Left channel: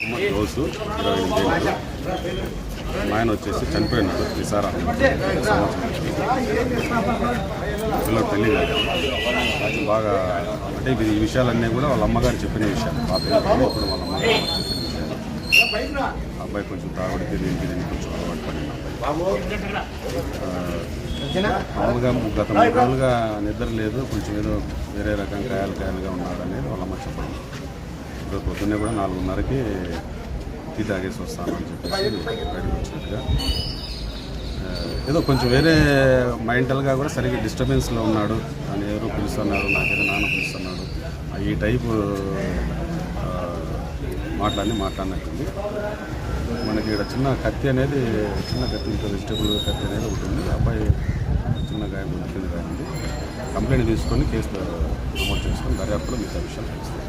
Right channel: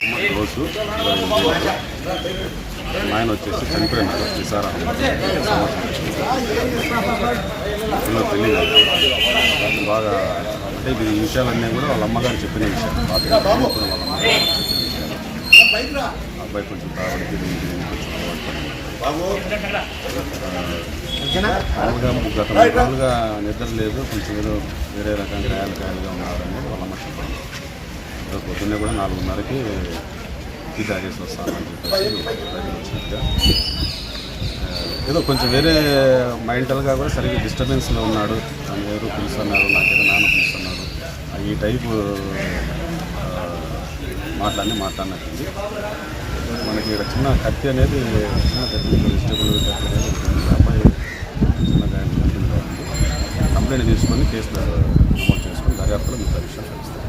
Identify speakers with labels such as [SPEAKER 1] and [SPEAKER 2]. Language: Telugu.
[SPEAKER 1] మొహమ్మద్ గౌసు ఇరవై ఎనిమిది ఆయన వచ్చేసి చనిపోయినారు నిసార్ అహ్మద్ సంవత్సరం వచ్చింది. పిల్లలు పెళ్ళి కాదు బాగా అంటే ఇది ఈ విషయాలన్నీ కూడా వాళ్ళ అమ్మగారు చెప్పిన విషయాలు. పాత ఇప్పుడు వాళ్ళ అమ్మగారు అబ్బాయి కొంచెం తాగడికి దీనికి దీనికి కొంచెం అలవాటు పడింది. మామూలుగా గత మూడు రోజులుగా నిద్ర లేదు కొంచెం ఏదో వేరే రకం కాయలు కాయలుగా ఉన్నారు. ఈరోజు పొద్దున్నే కూడా నాలుగున్నరకి టీ తాగేసి వస్తాను అని చెప్పేసి బయటకు వచ్చినట్టుగా. ఏదో కొంచెం వేరే మెంటల్గా కూడా సరిగ్గా డిస్టర్బెన్స్లో ఉన్నాడు. తను ఎవరు పిలుస్తున్నారు నాకేదో నాన్న పిలుస్తున్నాడు. ఈ టైపు మాట్లాడి మాట్లాడినట్టుంది. మనకి ఇక్కడ చిన్న కత్తి అనేది చిన్న కత్తి వెజిటబుల్ కత్తి అనేది ఉంటుంది. అబ్బాయి చిన్న గాయం ఉంటుంది. కాబట్టి కంప్లైంట్ తీసుకొని కేసులో నమోదు చేసుకొని దర్యాప్తులో మిగతా విషయాలు కలుస్తాయి